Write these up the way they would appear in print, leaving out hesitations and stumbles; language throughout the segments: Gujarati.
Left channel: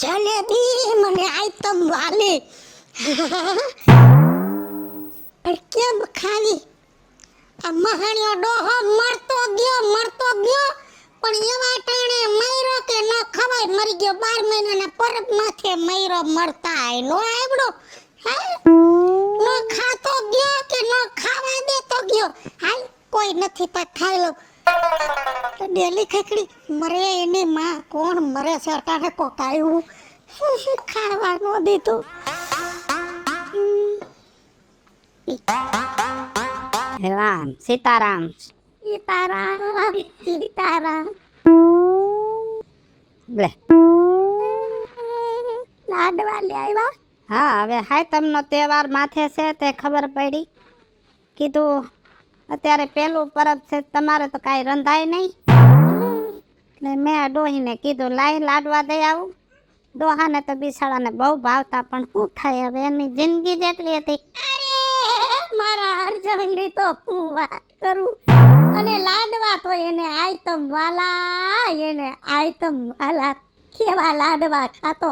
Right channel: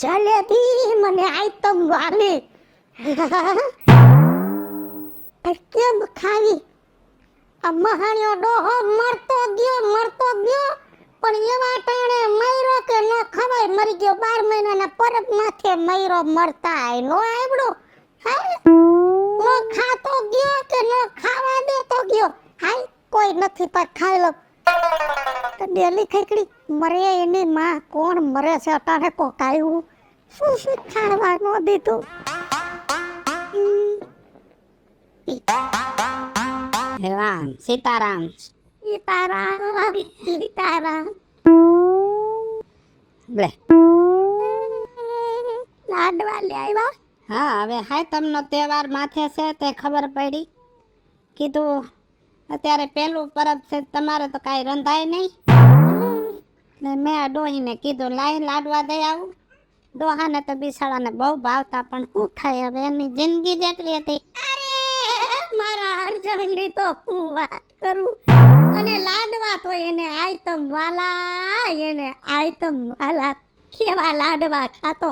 જલેબી મને આઈટમ વાલે પણ કેમ ખાવી? આ મહાણ્યો ડોહો મરતો ગયો પણ એવા ટાણે મયરો કે ન ખવાય મરી ગયો 12 મહિનાના પરબ માથે મયરો મરતા નો આવડો નો ખાતો ગયો કે ન ખાવા દેતો ગયો હાલ કોઈ નથી પર ખાઈ લો ડેલી ખીચડી મરે એની માં કોણ મરે છે અટાણે પોકાયું શું ખાવા નો દીધું રામ સીતારામ સીતારામ લે લાડવા લઈ આવ્યા. હા હવે હાયતમનો તહેવાર માથે છે તે ખબર પડી કીધું અત્યારે પહેલું પરબ છે તમારે તો કાંઈ રંધાય નહીં એટલે મેં આ ડોહીને કીધું લાઈ લાડવા દઈ આવું. ડોહાને તો બિસાડાને બહુ ભાવતા પણ શું થાય હવે એની જિંદગી જેટલી હતી. મારા અર્જુનની તો હું વાત કરું અને લાડવા તો એને આઈટમ વાલા કેવા લાડવા ખાતો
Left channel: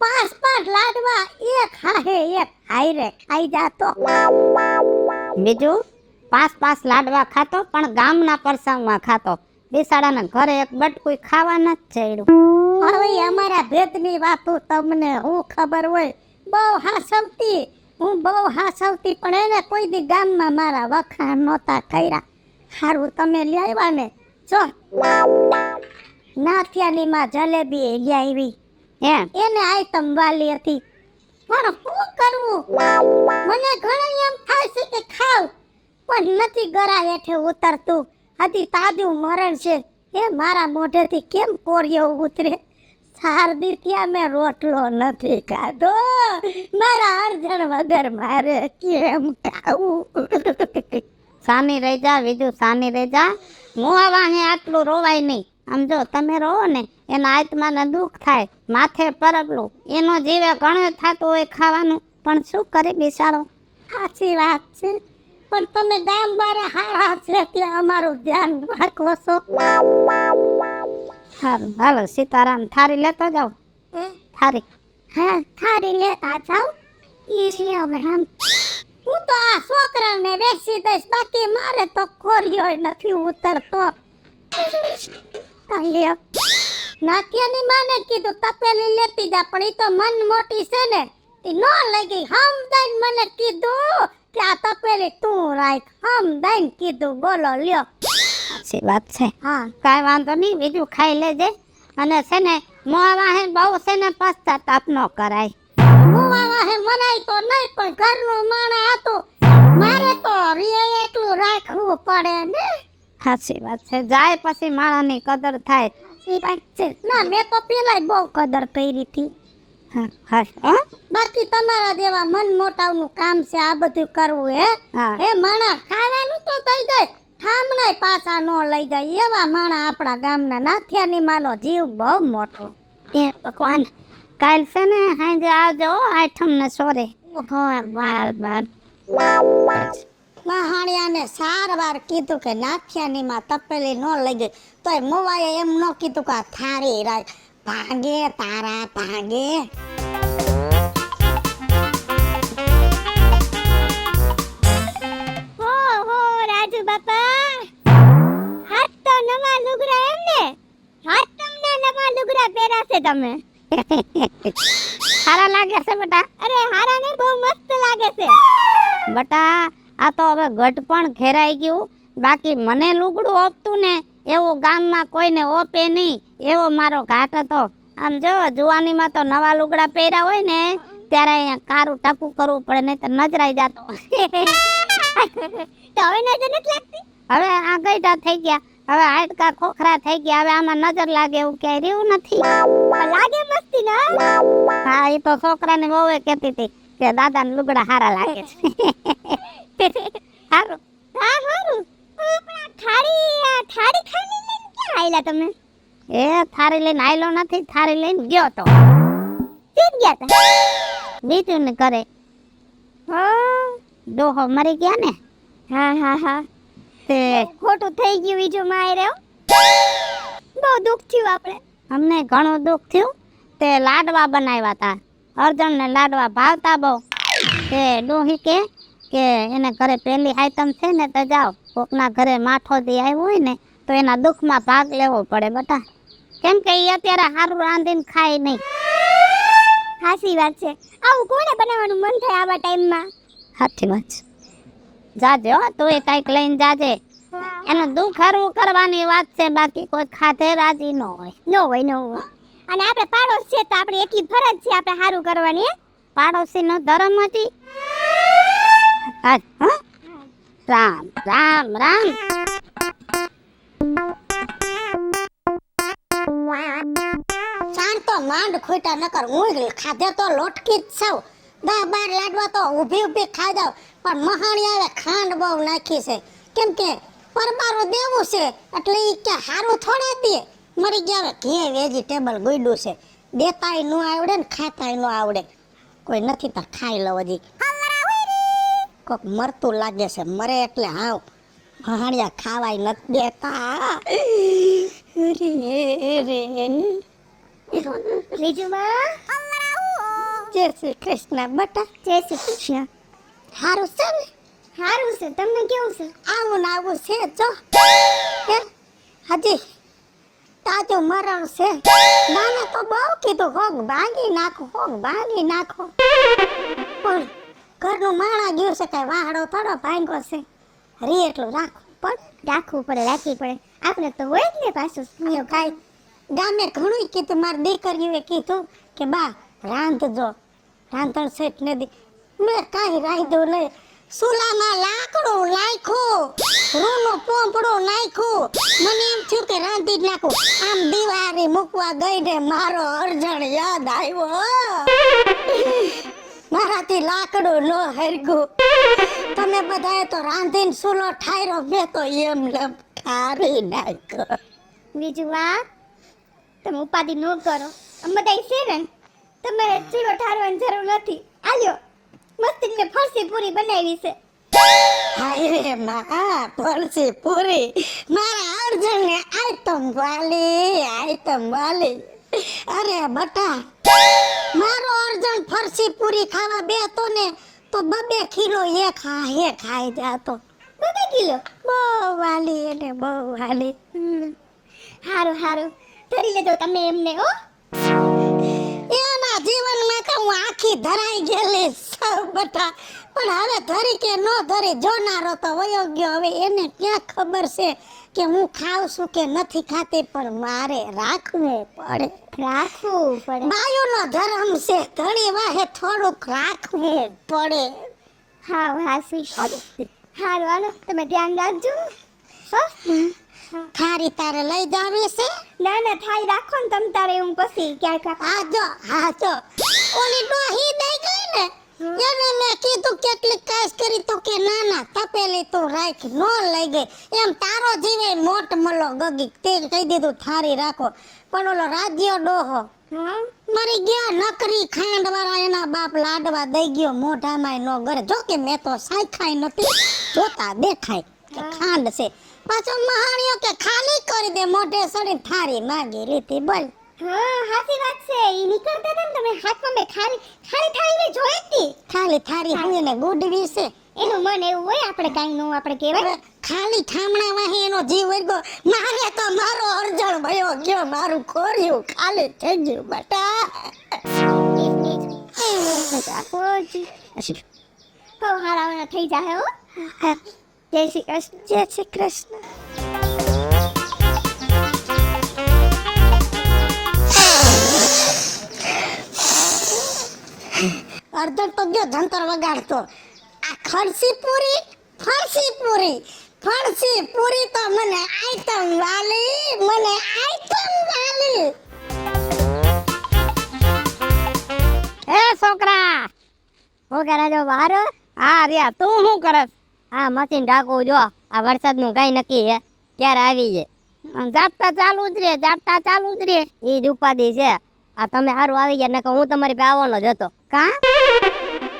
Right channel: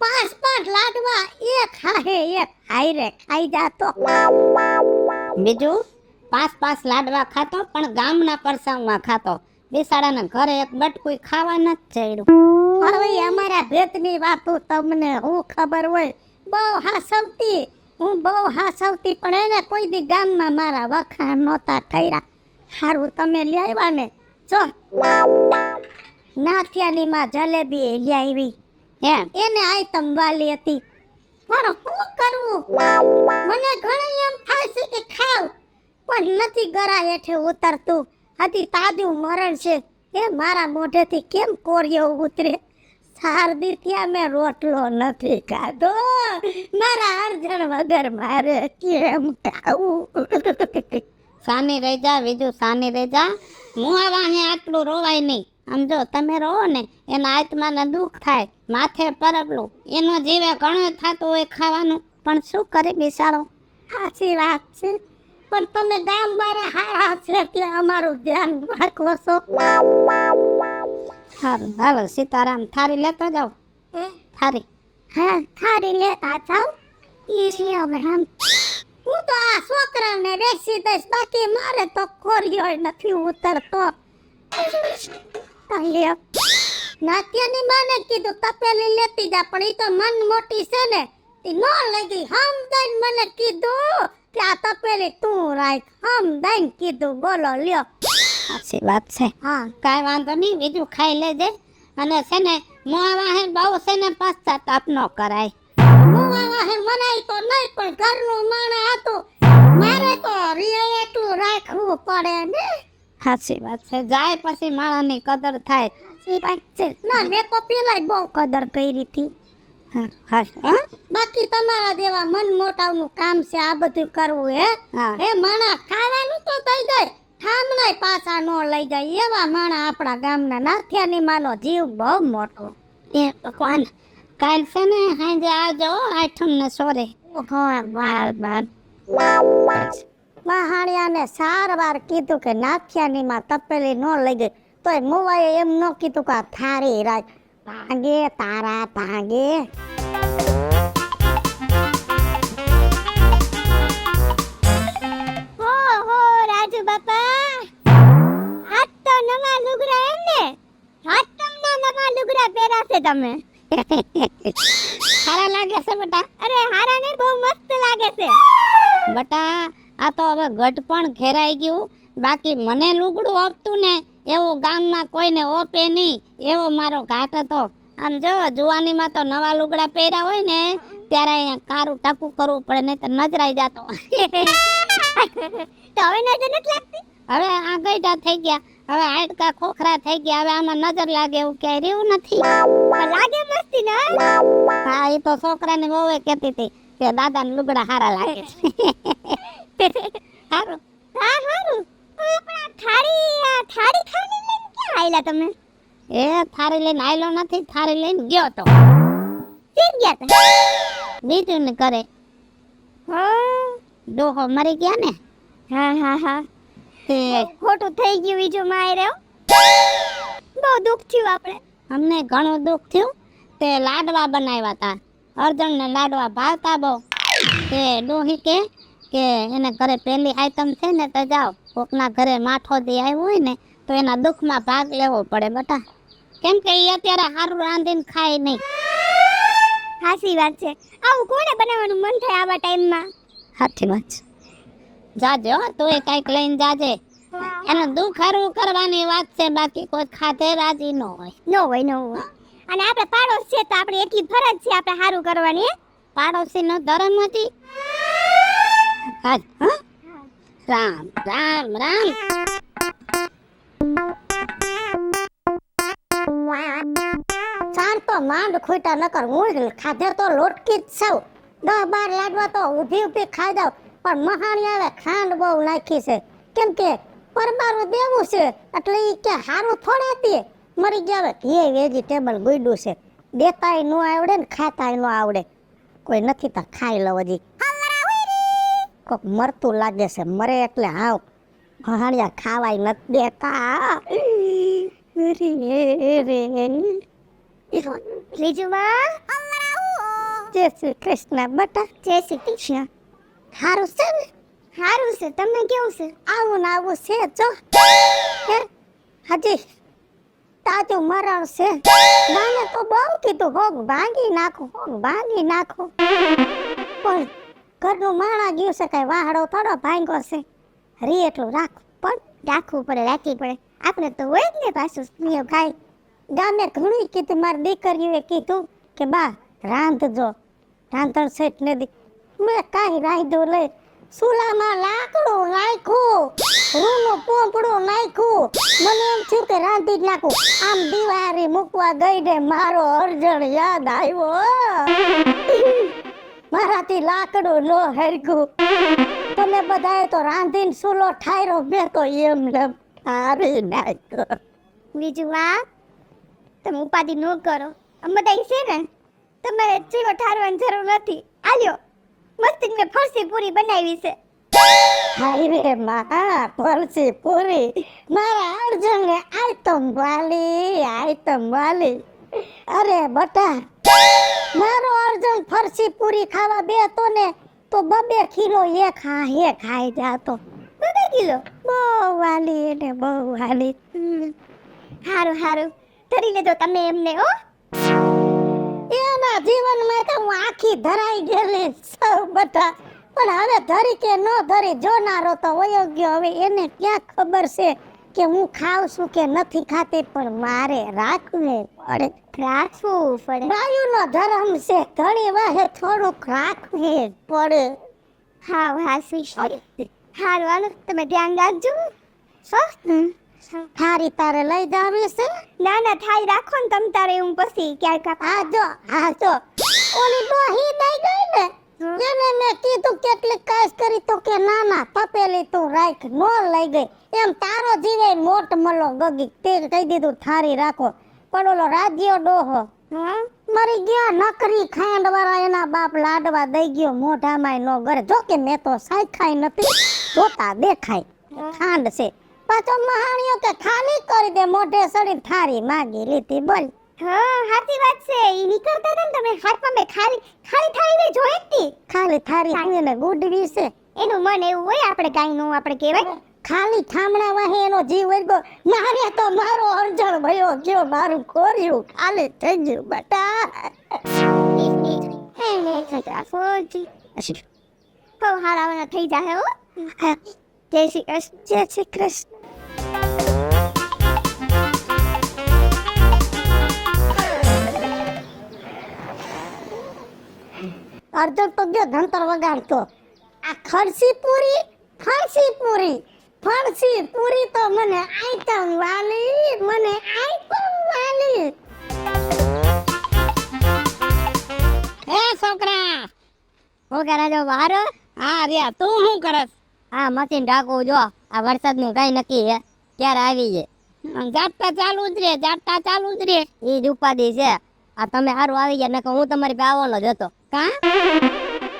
5 લાડવા એક હારે ખાઈ જાતો. બીજું 5 લાડવા ખાતો પણ ગામના પ્રસંગમાં ખાતો. બિસાડાના ઘરે એક બટકું ખાવા નથી ચડ્યું. હવે અમારા ભેદની વાતો તમને હું ખબર હોય હું બહુ હાસવતી પણ એને કોઈ દી ગામમાં મારા વખાણ નહોતા કર્યા. સારું તમે લઈ આવ્યા ને જો નાથિયાનીમાં જલેબી લઈ આવી એને આઈટમ વાલી હતી. મારે શું કરવું? મને ઘણી એમ થાય છે કે ખાવ પણ નથી ગળા હેઠે ઉતરતું. આથી તાજું મરણ છે એ મારા મોઢેથી કેમ કોરિયો ઉતરે? શારદી ત્યાં મેં રોટલો નથી ખાધો. મારા અર્જન વગર મારે કેમ ખાવું? સાની રહી જા બીજું સાની રહી જા. મુહાવાને આટલું રોવાય નહીં. આમ જો તમે રહો ને એના આત્માને દુઃખ થાય માથે પરબલું એનો જીવે ઘણો થતો હોય ખાવાનું પણ શું કરે બિચારો. સાચી વાત છે પણ તમે ગામ મારા હારા છે ત્યાં અમારું ધ્યાન રાખો છો. હાલો સીતારામ થારી લેતો જાવ. થારી થારી લેતા જાવ. હવે હું તો આ છોકરાને બેસી દઈશ બાકી મારે તો કોરિયો નથી ઉતરતો. નાથિયાની માને કીધું તપેલી લેતી જા પણ એ તો મન મોટી છે ને એ નો લગી. હમદાન મને કીધું કે આ તપેલી તું રાખ. હમદાન કીધું બોલો લ્યો. સાચી વાત છે. હા કાંઈ વાંધો નહીં બીજું ખાઈ લેજે અને છે ને મોવાહે બહુ છે ને પશ્ચાતાપ ન કરાય. મોવાહે મનાય તો નહીં પણ ઘરનું માણા હતું મારે તો એટલું રાખવું પડે ને. સાચી વાત છે. જાય પછી માણાની કદર થાય. ના મેં તો પેલા બહુ કદર કરી હતી. બાકી તમારા જેવા મન મોટાનું કામ છે આ બધું કરવું હે માણા ખાવાનું તો થઈ જાય ઠામણાય પાછા નો લઈ જાય એવા માણા આપણા ગામના નાથિયાની માનો જીવ બહુ મોટો. એ ભગવાન કાલ છે ને હાંજે આવજો આઠમ ને સોરે. મહાણિયાને 4 વાર કીધું કે નાથિયાની માં તપેલી નો લઈ જાય તોય મોવાએ એમ ન કીધું કે થારી રાખ ભાગે તારા ભાગે. રાજુ બાપા આજ તો નવા લુગડા એમ ને આટમના નવા લુગડા પહેરાશે તમે. સારા લાગે છે બેટા. અરે હારા ને બહુ મસ્ત લાગે છે બેટા. આ તો હવે ઘટ પણ ઘેરાઈ ગયું. બાકી મને લુગડું આપતું ને એવું ગામમાં કોઈને ઓપે નહીં એવો મારો ઘાટ હતો. આમ જો જુવાનીમાં તો નવા લુગડા પહેર્યા હોય ને ત્યારે અહીંયા કારું ટપું કરવું પડે નહીં તો નજરાઈ જતો. તો હવે નજર નથી લાગતી. હવે આ ગઈઢા થઈ ગયા. હવે હાડકા ખોખરા થઈ ગયા. હવે આમાં નજર લાગે એવું ક્યાંય રહ્યું નથી. લાગે મસ્તી ના. હા એ તો છોકરાને બહુ કહેતી હતી કે દાદાને લુગડા સારા લાગે છે. હારું હા હારું. આપણા થાળી લઈને ક્યાં આયલા તમે? એ થારી લઈને આયલો નથી થારી લઈને ગયો તો. ઠીક ગયા તા બીજું ને કરે. ડોહો મરી ગયા ને. હા તે ખોટું થઈ ગયું બીજું મારે. દુઃખ થયું આપણે. અમને ઘણું દુઃખ થયું. તે લાડવા બનાવ્યા હતા. અર્જણને લાડવા ભાવતા બહુ. તે ડોહી કે એને ઘરે પેલી આઈટમ છે ને તો જાઓ કોકના ઘરે માઠો દી આવ્યું હોય ને તો એના દુઃખમાં ભાગ લેવો પડે બેટા. કેમ કે ઈ અત્યારે હારું રાંધીને ખાય નહીં. સાચી વાત છે. આવું કોને બનાવવાનું મન થાય આવા ટાઈમમાં? સાચી વાત છે. જાજે હો તું એ કાંઈક લઈને જાજે. એનું દુઃખ હરવું કરવાની વાત છે, બાકી કોઈ ખાધે રાજી ન હોય. ન હોય ન હોય. અને આપણે પાડોશ છે તો આપણે એટલી ફરજ છે આપણે સારું કરવાની. પાડોશીનો ધર્મ હતી. રામ રામ રામ. ચાર તો માંડ ખૂટા નકર હું ખાધે તો લોટકી જ છવ. 10-12 લાડવા તો ઊભી ખાઈ દઉં, પણ મહાણી આવે ખાંડ બહુ નાખી છે. કેમ કે પરબારું દેવું છે એટલે ઈ કે હારું થોડા દે. મરી ગયા હવે ઘી વેજીટેબલ ગોઈડું છે. દેતાય નો આવડે ને ખાતાય નો આવડે. કોઈ નથી તો ખાઈ લો હજી. કોક મરતું લાગે છે, મરે એટલે હાવ મહાણિયા ખાવાય નથી દેતા. રે રીજુમાં જય શ્રી કૃષ્ણ બટા. જય શ્રી કૃષ્ણ. હારું છે ને? હારું છે. તમને કેવું છે? આવું ને આવું છે જો. હજી તાજો મરણ છે. મને તો બહુ કીધું હોગ ભાંગી નાખો. પણ ઘરનું માણા ગયું છે કઈ વાહડો થોડો ભાંગ્યો છે. હરી એટલું રાખવું પડે. આપણે તો હોય જ ને પાછું સ્નેહ ભાઈ. ગામે ઘણું કીધું, મારી દીકરીઓએ કીધું કે બા રાંધજો, રાંધણ સેટ નથી. મેં કાંઈ રાંધ્યું નહીં. સુલામાં લાકડું નાખ્યું, રૂનું પોંપડું નાખ્યું. મને એમ થયું કે રાંધી જ નાખું. આમ દિવાળી મૂકવા ગઈ ને મારો અર્જણ યાદ આવ્યો. મારાથી લાકડું ન હરગું. તમે બધાએ તો રાંધીને સુલો ઠાયરો બે તો એમ ઠારી નાખ્યો. બીજું આ તમે ઉપાધિ ન કરો. અમે તો છે ને તમે ચૂલો ઠારવાની જરૂર નથી. આલ્યો મસ્તીને ફરસી પૂરી બનાવી છે. હાય રે માં, ફરસી પૂરી મારા અર્જુનને આઈટમ વાલી. અરે બટા, મારો અર્જુન ફરસી પૂરી ખાવા બેતો ને તો 2 કિલો એ ખાઈ જાતો. 2 કિલો બહુ વાલી. હારું ધરી લેજો તમે એમને હો. એના જીવનમાં તો હું આખી ધરાઈ ગયેલી સૌ બટા. પણ હવે ધરી કે નો ધરી જોનારો તો વયો ગયો. હવે એને ક્યાં ખબર છે કે હું ખાઉં છું કે નથી ખાતી, પણ મારે રાખવું પડે. બાયોનો ધર્મ છે, ધણી વાહે થોડુંક રાખવું પડે. હારું તમે ધ્યાન રાખજો. થારી તારે લઈ જાવે છે? ના થારી રાખો ને તમ તારે. હું પછી ક્યાંક હા જો ઓલી ડોહી દઈ ગઈ ને એને મેં કીધું કેટલી કાશ કરી તું કે ના તપેલી તું રાખ. નો લઈ ગઈ. એમ તારો જીવે મોટ મલો ગગી તે કહી દીધું થારી રાખો. પણ ઓલો રાજ્યો ડોહો મરી ગયા. નકરી ખાંડ વાળા એના બાપ લાડવા દઈ ગયો મોઢામાં નો ગરે. જો કે મેં તો સાંખાઈ નથી જોતા, દેખાય કે ખાંડ છે. પાછો મહાણીઓ કે ખાલી કરી દે મોઢે સડી થારી માંગી લીધી. બોલ. હા સાચી વાત છે. ઈ નીકળતા હતા ને તમે હાથમાં મે ખાલી થાળીને જોઈ હતી. ખાલી થાળી એટલે ગુડવી છે એનું મન એવું હોય. આપણે કાઈ નું આપણે કહેવાય ખાલી ઠામણા વાહી એનો જીવ વર્ગો. મારે તો મારો અર્જણ ભયો ગયો, મારું ખોર્યું ખાલી થઈ ગયું બટા. તો હારાવાના થઈ જાય હો. જય શ્રી કૃષ્ણ. જય શ્રી કૃષ્ણ. અર્જુન તો ગયો જંતર વગાડતો. આ ફરસી પૂરી તો મને આઈટમ વાલી. એ છોકરા હું કરે જો વારો? હા રિયા તું શું કરસ? આ મશીન ઢાકું જો. આ વરસાદનું કઈ નક્કી હે ક્યારે આવી છે. જાપતા ચાલુ જ રે. ઈ જ ઉપાધિ છે. આ તમે હારું આવી ગયા નકર હું તમારી ભાવોનો જ હતો. કા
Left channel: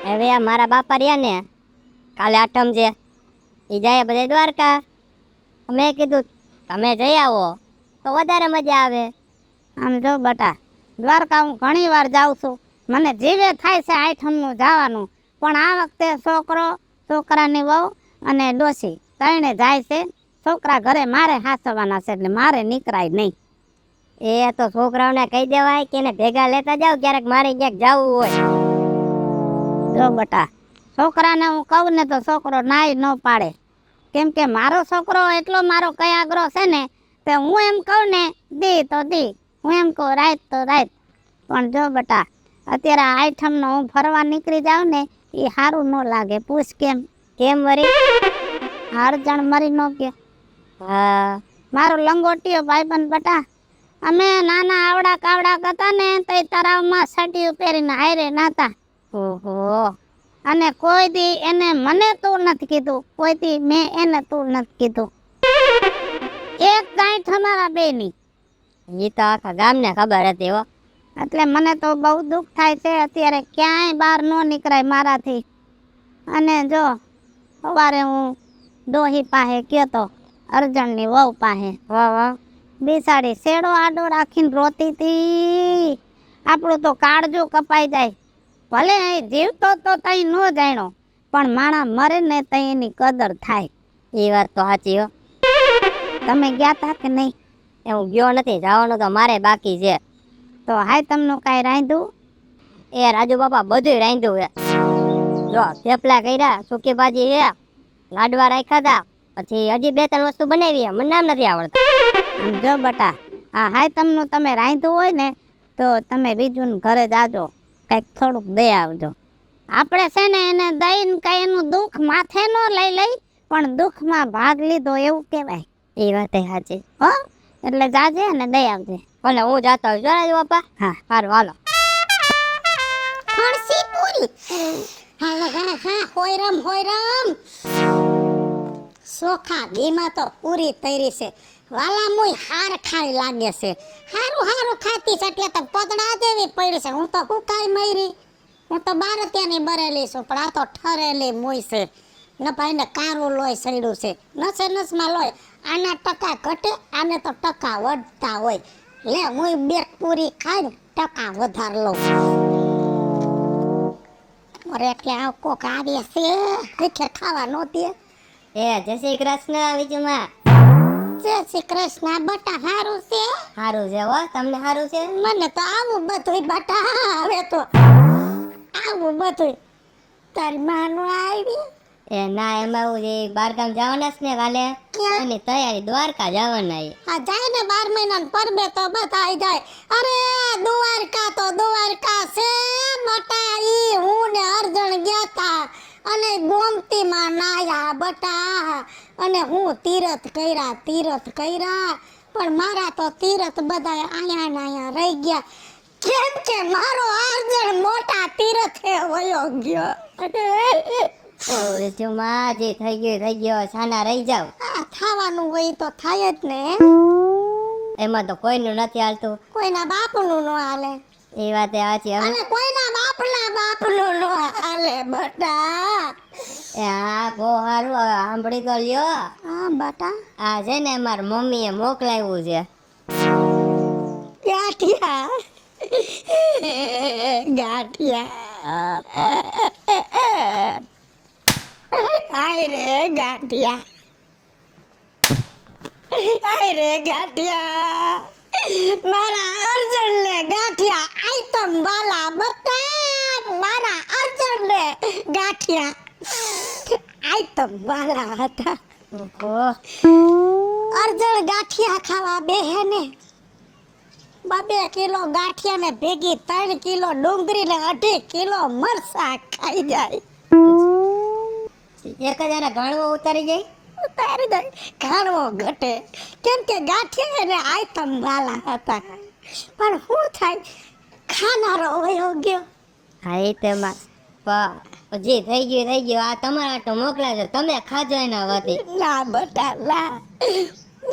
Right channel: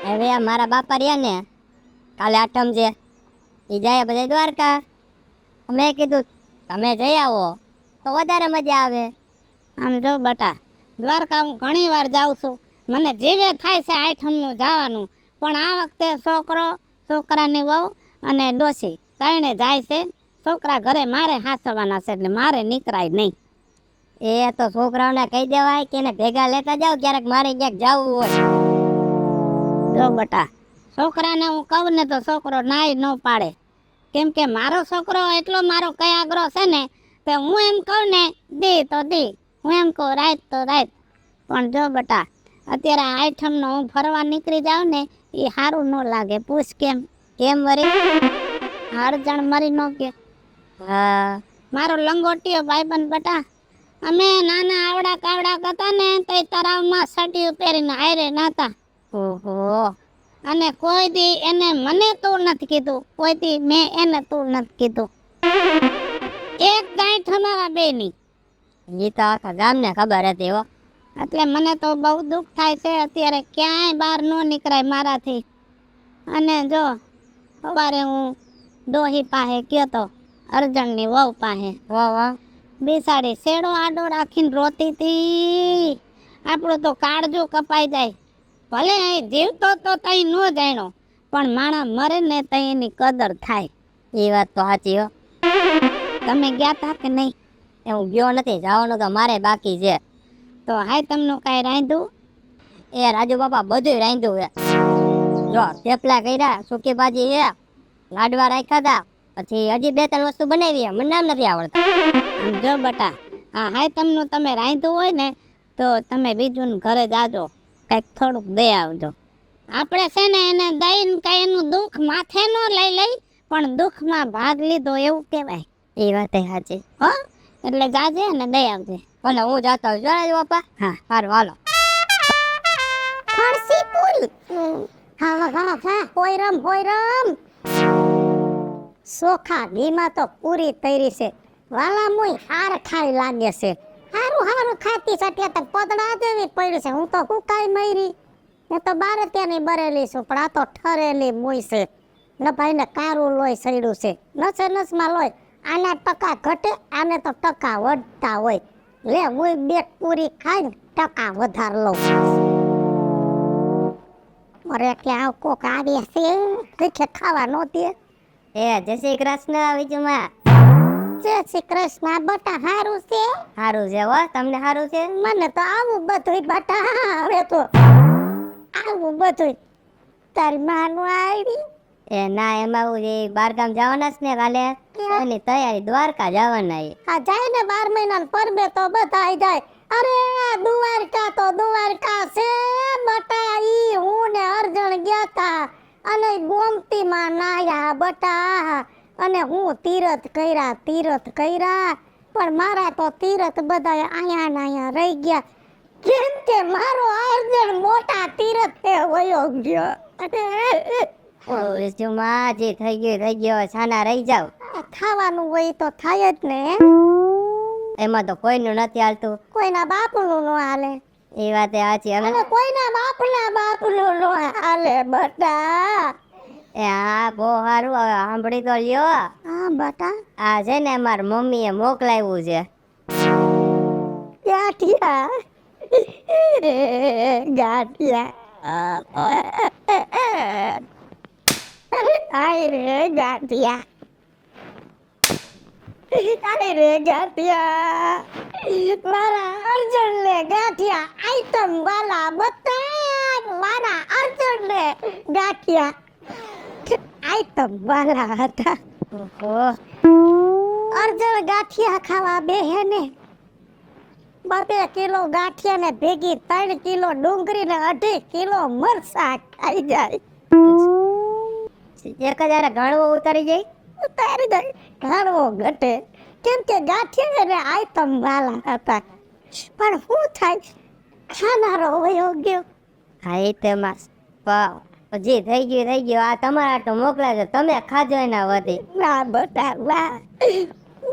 હવે આ મારા બાપા રહ્યા ને કાલે આઠમ છે એ જાય બધા દ્વારકા. મેં કીધું તમે જઈ આવો તો તો વધારે મજા આવે. આમ જો બટા, દ્વારકા હું ઘણી વાર જાઉં છું, મને જીવે થાય છે આઠમનું જવાનું, પણ આ વખતે છોકરો, છોકરાની વહુ અને ડોશી ત્રણે જાય છે. છોકરા ઘરે મારે હાંસવાના છે એટલે મારે નીકળાય નહીં. એ તો છોકરાઓને કહી દેવાય કે એને ભેગા લેતા જાવ ક્યારેક મારે ક્યાંક જવું હોય. જો બટા, છોકરાને હું કહું ને તો છોકરો નાય ન પાડે, કેમ કે મારો છોકરો એટલો મારો કયાગ્રો છે ને, તે હું એમ કહું ને દે તો દે, હું એમ કહું રાત તો રાત. પણ જો બટા, અત્યારે આઠમનો હું ફરવા નીકળી જાઉં ને એ સારું ન લાગે. પૂછ કેમ વરી અરજણ મરી ન કે. મારો લંગોટીયો ભાઈબંધ બટા, અમે નાના આવડા કાવડા હતા ને તે તળાવમાં સટીયું પહેરીને હારે નાતા. ઓહો, અને કોઈ દી એને મને તું નથી કીધું, કોઈ દી મેં એને તું નથી કીધું. એક ગાંઠ અમારા બેની ઈ તો આખા ગામને ખબર હતી હો. એટલે મને તો બહુ દુઃખ થાય છે અત્યારે, ક્યાંય બહાર ન નીકળાય મારાથી. અને જો સવારે હું ડોહી પાસે કહેતો, અરજણની વહુ પાસે, વાહ બેસાડી શેડો આડો રાખીને રોતી હતી. આપણું તો કાળજું કપાઈ જાય. ભલે અહીં જીવતો તો તઈ ન જાણ્યો, પણ માણા મરે ને તઈ એની કદર થાય. એ વાત તો સાચી હો. તમે ગયા હતા કે નહીં? હું ગયો નથી, જવાનું તો મારે બાકી છે. તો હાય તમને કાંઈ રાંધ્યું? એ રાજુ બાપા બધું રાંધ્યું હે. જો થેપલા કર્યા, સૂકી ભાજી હે, લાડવા રાખ્યા હતા, પછી હજી 2-3 વસ્તુ બનાવી હે, મને નામ નથી આવડતું. આમ જો બટા, હા હાય તમનું તમે રાંધ્યું હોય ને તો તમે બીજું ઘરે જાજો, કંઈક થોડુંક દઈ આવજો. આપણે છે ને એને દઈને કઈ એનું દુઃખ માથે ન લઈ પણ દુઃખમાં ભાગ લીધો એવું કહેવાય. એ વાત સાચી હો. એટલે જાજે ને દઈ આવજે. ભલે હું જાતો આવજો રાજુ બાપા. હા સારું હાલો. ફરસી પૂરી. હા હોયરામ. સોખા ઘીમાં તો પૂરી તૈરી છે. વાલા મોય હાર ખાઈ લાગે છે. હારું ખાતી છે એટલે તો પતડા દેવી પડી છે. હું તો હુકાઈ મરી, હું તો 12 બરેલી છું, પણ આ તો ઠરેલી મોય છે. ને ભાઈ ને કારું લોહી સડ્યું છે, નસમાં લોહી. આના ટકા ઘટે, આને તો ટકા વધતા હોય. લે મુય 2 પૂરી ખાઈને ટકા વધાર લઉં. અરે એટલે આ કોક આવી છે ખાવા નહોતી. જય શ્રી કૃષ્ણ વિજુમા. જય શ્રી કૃષ્ણ બટા. હારું છે? સારું છે હો. તમને સારું છે? મને તો આવું બધું બટા. હવે તો આવું બધું તારી માનું આવી. એ ના એમાં એવું છે, 12 ગામ જવાના છે ને કાલે, અને તૈયારી દ્વારકા જવાના. આ જાય ને 12 મહિના પરબે તો બધા જાય. અરે દ્વારકા તો દ્વારકા છે બટા. ઈ હું ને અરજણ ગયા તા અને ગોમતીમાં નાયા બટા. અને હું તીરથ કર્યા, પણ મારા તો તીરથ બધા અહીંયા રહી ગયા. કેમ કે મારો અરજણ મોટા તીરથે વયો ગયો. થઈ ગયો સાના રહી જાવ. થવાનું હોય તો થાય જ ને. એમાં તો કોઈનું નથી હાલતું. કોઈના બાપનું નો હાલે. એ વાત સાચી. અને કોઈના બાપનું નો હાલે બટા. આ બહુ સારું. સાંભળી તો લ્યો. હા બટા. આ છે ને અમાર મમ્મીએ મોકલાવ્યું છે. ગાંઠિયા. આય રે ગાંઠિયા. મારા અર્જુન ને ગાંઠિયા આઈટમ વાલા બતા. મારા અર્જુન ને ગાંઠિયા આઈટમ વાલા હતા. અર્જુન ગાંઠિયા ખાવા બેહે ને 2 કિલો ગાંઠિયા ને ભેગી 3 કિલો ડુંગળી ને 2.5 કિલો મરચા ખાઈ જાય. 1000 ઘણું ઉતારી જાય. ઉતારી જાય ઘણો ઘટે, કેમ કે ગાંઠિયા ને આઈટમ વાલા હતા. પણ શું થાય, ખાનારો વયો ગયો. હા એ તેમાં જે થઈ ગયો. આ તમારા આટલું મોકલા છે, તમે ખાજો એના વધી. ના બટા ના,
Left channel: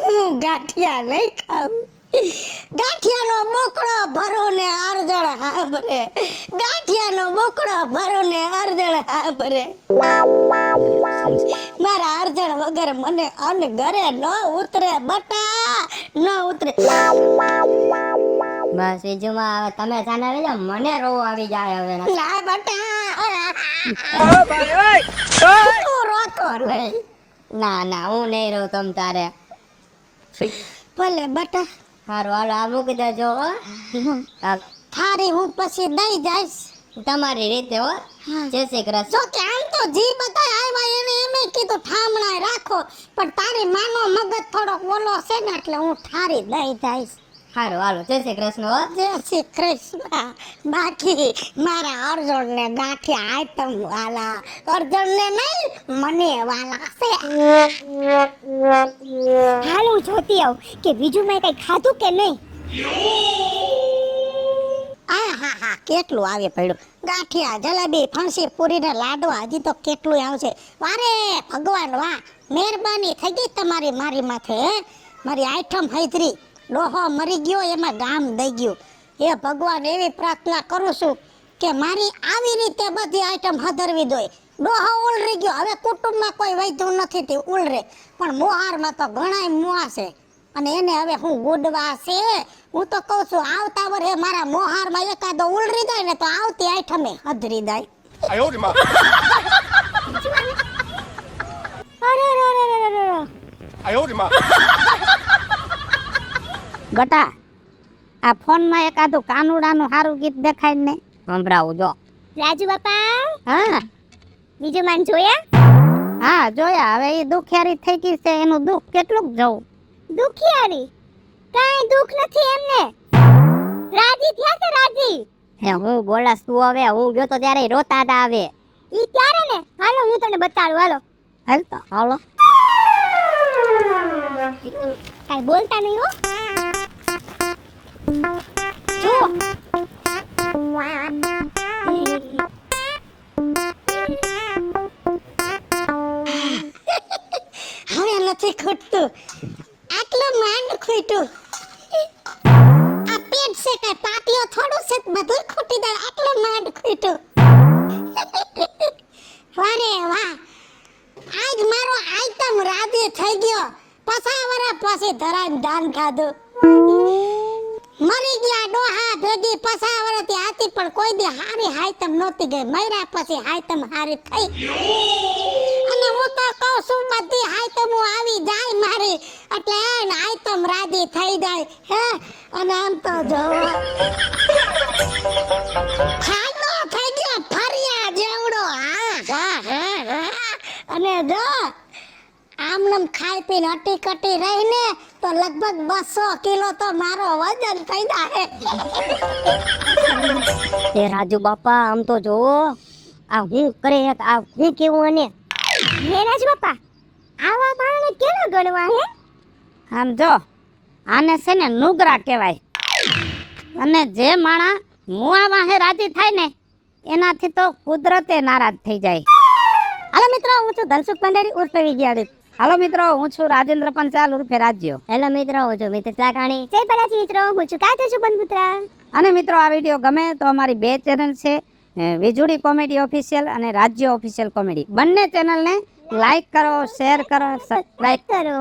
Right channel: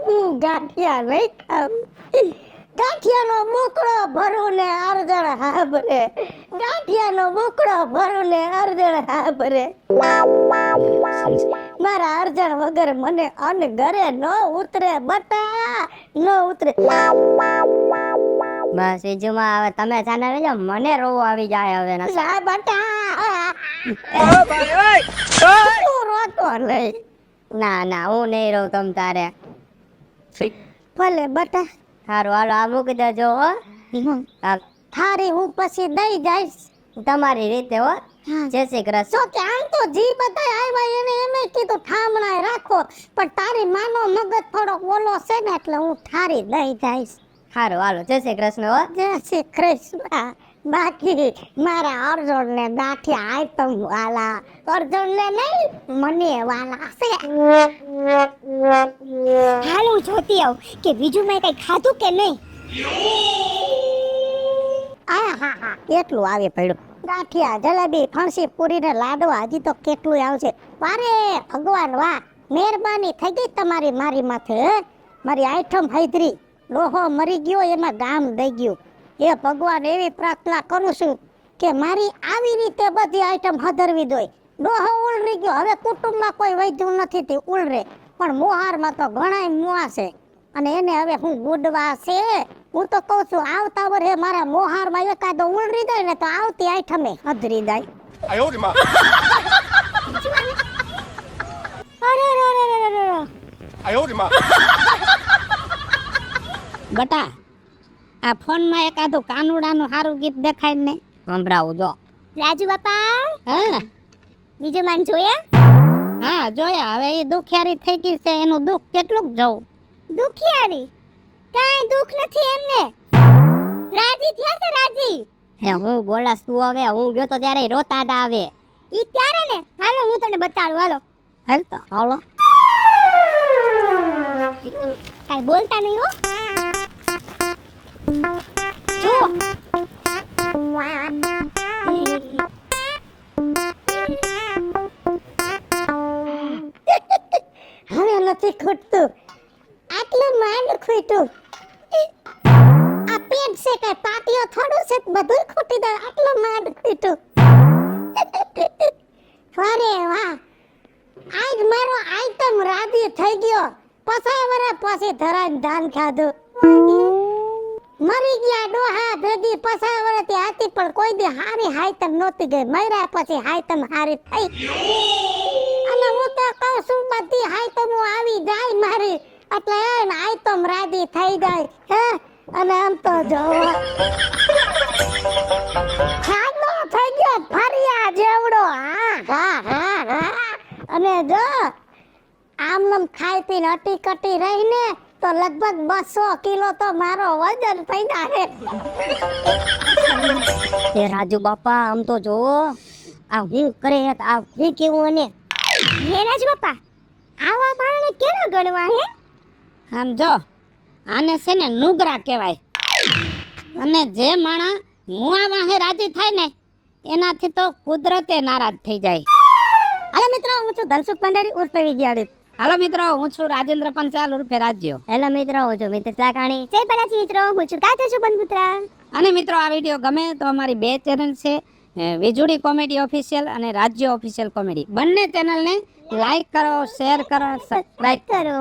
હું ગાંઠિયા નહીં ખાઉં. ગાંઠિયાનો બોકડો ભરો ને અરજણ હા ભરે, ગાંઠિયાનો બોકડો ભરો ને અરજણ હા ભરે. મારા અરજણ વગર મને અન્ન ઘરે ન ઉતરે બટા, ન ઉતરે. માં સીજુમાં હવે તમે છે ને મને રોવ આવી જાય હવે ને. લા બટા ઓ ભાઈ ઓય તું રોતો નહીં. ના ના હું નહીં રહું તમ તારે. ભલે બટા, હારું હાલો આ મૂકી દેજો હો. હાલ થારી હું પછી દઈ જઈશ. તમારી રીતે હો. જય શ્રી કૃષ્ણ. જો કે આમ તો જી બધાય આવ્યા એને એમ કીધું ઠામણાય રાખો, પણ તારી માનો મગજ થોડો ઓલો છે ને એટલે હું ઠારી દઈ જઈશ. હારું હાલો જય શ્રી કૃષ્ણ હો. જય શ્રી કૃષ્ણ. બાકી મારા અર્જુન ને ગાંઠિયા આઈટમ વાલા, અર્જુન ને નહીં મને વાલા છે. હાલ હું જોતી આવું કે બીજું મેં કઈ ખાધું કે નહીં. આહાહા, કેટલું આવે પડ્યું. ગાંઠિયા, જલેબી, ફણસી, પૂરી ને લાડુ હજી તો કેટલું આવશે. વારે ભગવાન વાહ, મહેરબાની થઈ ગઈ તમારી મારી માથે. મારી આઈટમ હૈદરી, ડોહો મરી ગયો એમાં ગામ દઈ ગયું. એ ભગવાન એવી પ્રાર્થના કરું છું કે મારી આવી રીતે બધી આઈટમ હદરવી દોય. ડોહો ઉલરી ગયો, હવે કુટુંબમાં કોઈ વૈધું નથી તે ઉલરે, પણ મોહારમાં તો ઘણાય મુવા છે અને એને હવે હું ગુડવા છે. હું તો કહું છું આવતા વર્ષે મારા મોહારમાં એકાદો ઉલરી જાય ને તો આવતી આઈટમે હદરી જાય. 哎呦我的妈！ અરે રે રે રે રે રે. 哎呦我的妈！ બટા આ ફોનમાં એકાદું કાનુડાનું સારું ગીત દેખાય ને સંભળાવું જો. રાજુ બાપા હા બીજું માન જોયા? હા જોયા. હવે એ દુખિયારી થઈ ગઈ છે એનું દુઃખ કેટલુંક જોવું. દુખિયારી કાંઈ દુખ નથી એમને. રાજી થયા છે રાજી. હે હું બોલાસ તું હવે હું ગયો તો ત્યારે રોતા જ આવે. ઈ ત્યારે ને હાલો હું તમને બતાડું હાલો. હાલ તો હાલો. કાંઈ બોલતા નહીં હો. જો હવે નથી ખૂટતું, આટલું માંડ ખૂટ્યું. આ પેટ છે કે પાટીઓ થોડું છે બધું ખૂટી દે, આટલું માંડ ખૂટ્યું. વારે વાહ, આજ મારો આઈટમ રાજી થઈ ગયો. 50 વર્ષ પછી ધરાઈને ધાન ખાધું. મરી ગયા ડોહા ભેગી 50 વર્ષથી હતી પણ કોઈ દી હારી હાઈટમ નહોતી ગઈ. મર્યા પછી હાઈટમ હારી થઈ. અને હું તો કહું છું બધી આઈટમો આવી જાય મારે એટલે એને આઈટમ રાજી થઈ જાય. હે અને આમ તો જો ખાડો થઈ ગયો ફરિયા જેવડો. હા હા હા હા. અને જો આમનામ ખાઈ પીને અટી કટી રહીને તો લગભગ 200 કિલો તો મારો વજન થઈ જાય. એ રાજુ બાપા આમ તો જોવો આ હું કરે આ હું કેવું અને હે રાજ બાપા આવા બાળને કેવું ગણવા હે? આમ જો આને છે ને નુગરા કહેવાય. અને જે માણા મુઆ વાહે રાજી થાય ને એનાથી તો કુદરતે નારાજ થઈ જાય. હાલો મિત્રો હું છું ધનસુખ પંડેરી ઉર્ફે વિજયાડી. હાલો મિત્રો હું છું રાજેન્દ્ર પંચાલ ઉર્ફે રાજ્યો. હેલો મિત્રો હું છું મિત્ર ચાકાણી. જય ભલાજી મિત્રો હું છું કાંતા છું બંધુત્રા. અને મિત્રો આ વિડીયો ગમે તો અમારી 2 ચેનલ છે, વીજુડી કોમેડી ઓફિશિયલ અને રાજ્ય ઓફિશિયલ કોમેડી. બંને ચેનલને લાઈક કરો, શેર કરો, સબસ્ક્રાઇબ કરો.